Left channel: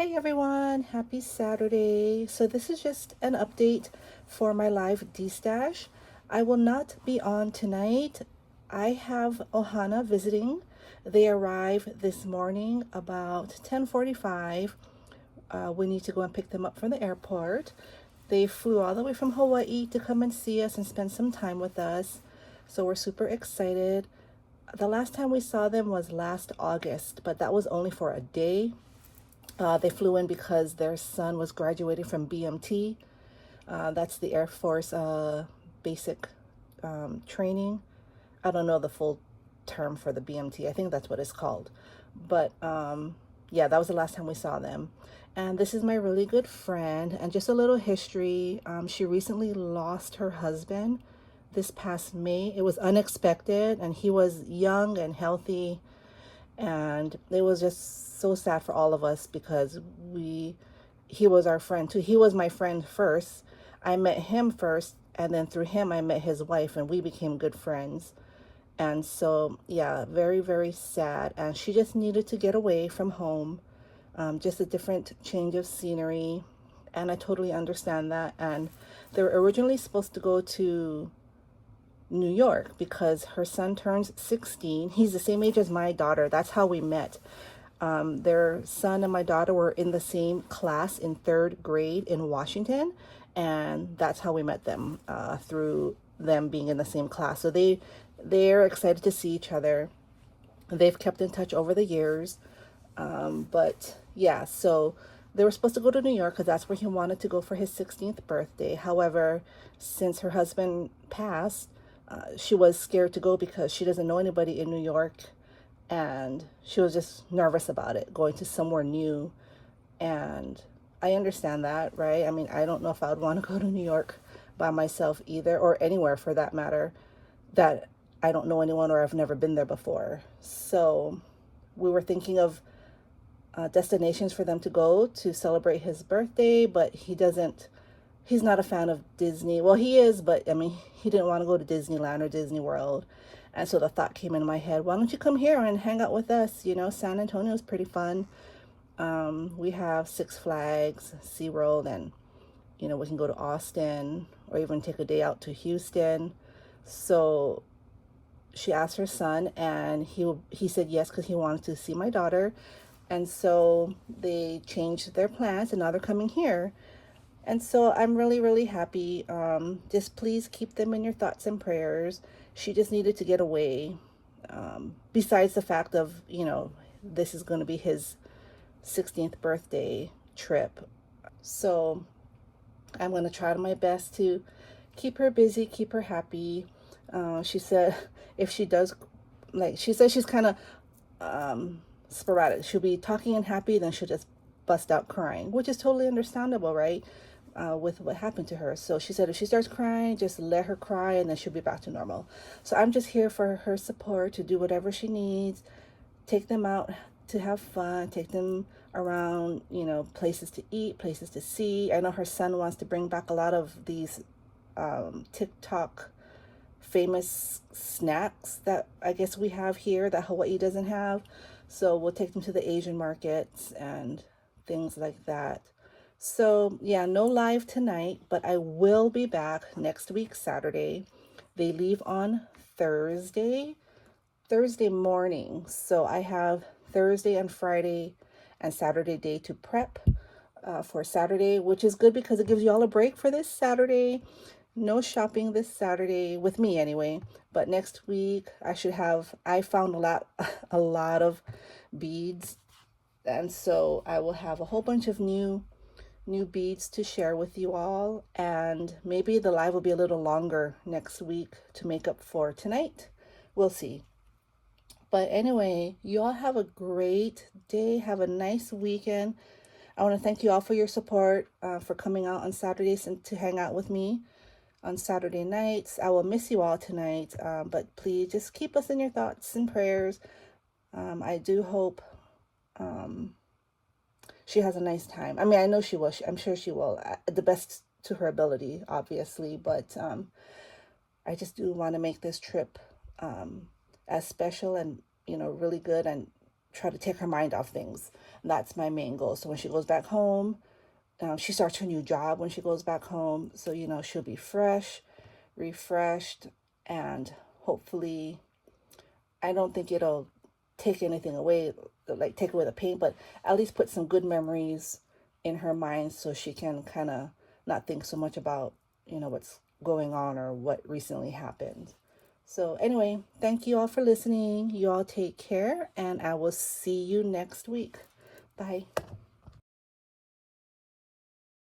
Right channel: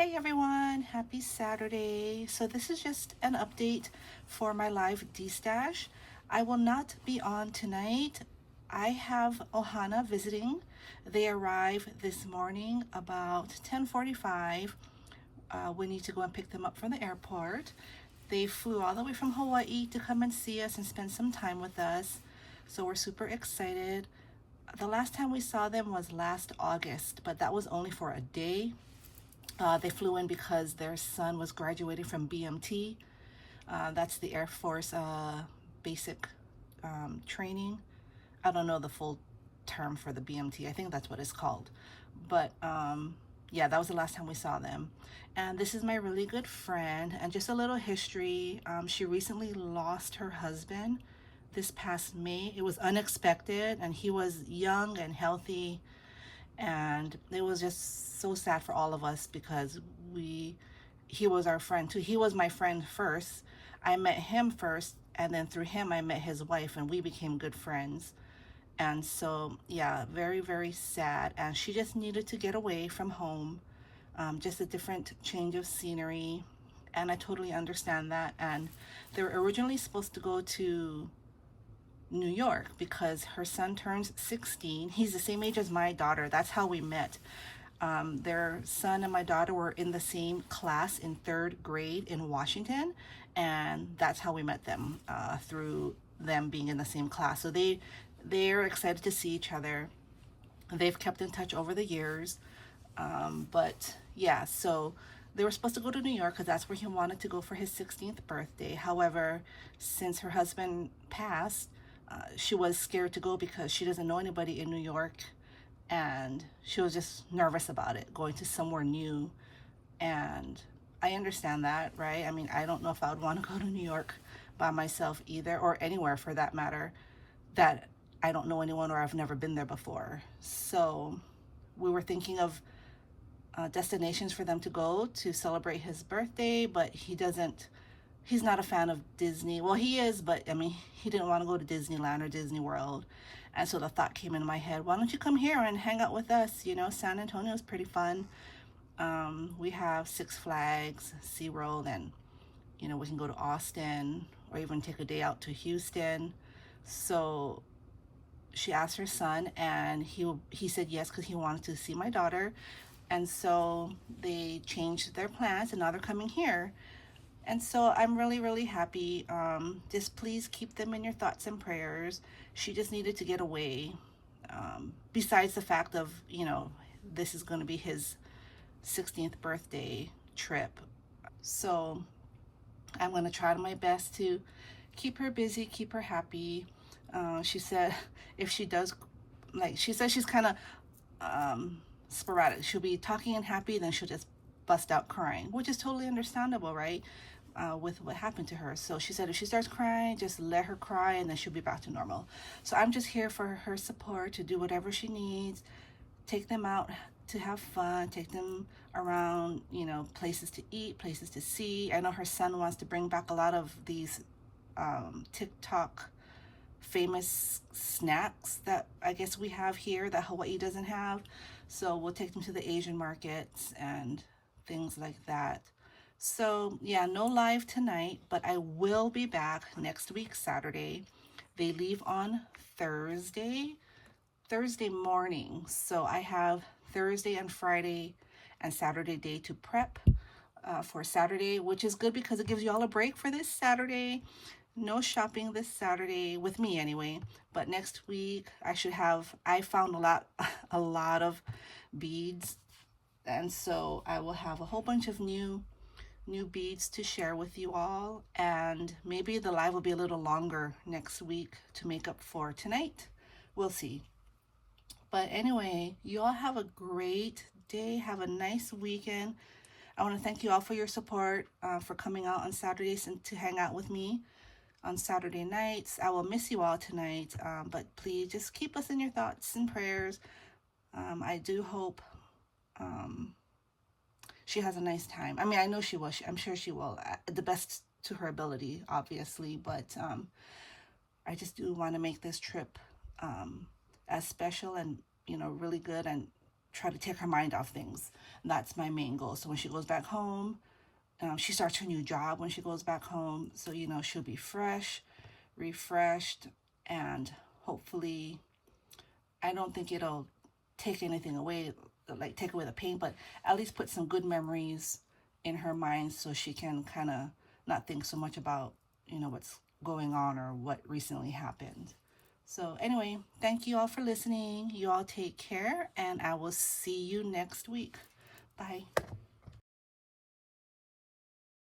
Hey everyone, happy Saturday. So this is just an update for my live Destash. I will not be on tonight. I have Ohana visiting. They arrive this morning about 10:45. We need to go and pick them up from the airport. They flew all the way from Hawaii to come and see us and spend some time with us. So we're super excited. The last time we saw them was last August, but that was only for a day. They flew in because their son was graduating from BMT. That's the Air Force basic training. I don't know the full term for the BMT. I think that's what it's called. But yeah, that was the last time we saw them. And this is my really good friend. And just a little history. She recently lost her husband this past May. It was unexpected, and he was young and healthy, and it was just so sad for all of us because he was our friend too. He was my friend first. I met him first, and then through him I met his wife, and we became good friends. And so yeah, very, very sad. And she just needed to get away from home, just a different change of scenery. And I totally understand that. And they were originally supposed to go to New York because her son turns 16. He's the same age as my daughter. That's how we met. Their son and my daughter were in the same class in third grade in Washington, and that's how we met them, through them being in the same class. So they're excited to see each other. They've kept in touch over the years, but yeah. So they were supposed to go to New York because that's where he wanted to go for his 16th birthday. However, since her husband passed, she was scared to go because she doesn't know anybody in New York, and she was just nervous about it, going to somewhere new. And I understand that, right? I mean, I don't know if I would want to go to New York by myself either, or anywhere for that matter, that I don't know anyone or I've never been there before. So we were thinking of destinations for them to go to celebrate his birthday, but he's not a fan of Disney. Well, he is, but I mean, he didn't want to go to Disneyland or Disney World. And so the thought came into my head, why don't you come here and hang out with us? You know, San Antonio is pretty fun. We have Six Flags, SeaWorld, and, you know, we can go to Austin or even take a day out to Houston. So she asked her son, and he said yes because he wanted to see my daughter. And so they changed their plans, and now they're coming here. And so I'm really, really happy. Just please keep them in your thoughts and prayers. She just needed to get away. Besides the fact of, you know, this is going to be his 16th birthday trip. So I'm going to try my best to keep her busy, keep her happy. She said if she does, like, she says she's kind of sporadic. She'll be talking and happy, then she'll just bust out crying, which is totally understandable, right? With what happened to her. So she said if she starts crying, just let her cry and then she'll be back to normal. So I'm just here for her support, to do whatever she needs, take them out to have fun, take them around, you know, places to eat, places to see. I know her son wants to bring back a lot of these TikTok famous snacks that I guess we have here that Hawaii doesn't have. So we'll take them to the Asian markets and things like that. So yeah, no live tonight, but I will be back next week, Saturday. They leave on Thursday morning. So I have Thursday and Friday and Saturday day to prep for Saturday, which is good because it gives you all a break for this Saturday. No shopping this Saturday with me anyway, but next week I found a lot of beads, and so I will have a whole bunch of new beads to share with you all, and maybe the live will be a little longer next week to make up for tonight. We'll see. But anyway, you all have a great day. Have a nice weekend. I want to thank you all for your support, for coming out on Saturdays and to hang out with me on Saturday nights. I will miss you all tonight, but please just keep us in your thoughts and prayers. I do hope she has a nice time. I mean, I know she will. I'm sure she will. The best to her ability, obviously. But I just do want to make this trip as special and, you know, really good, and try to take her mind off things. That's my main goal. So when she goes back home, she starts her new job when she goes back home. So, she'll be fresh, refreshed, and hopefully, I don't think it'll take anything away, like take away the pain, but at least put some good memories in her mind so she can kind of not think so much about, what's going on or what recently happened. So anyway, thank you all for listening. You all take care, and I will see you next week. Bye.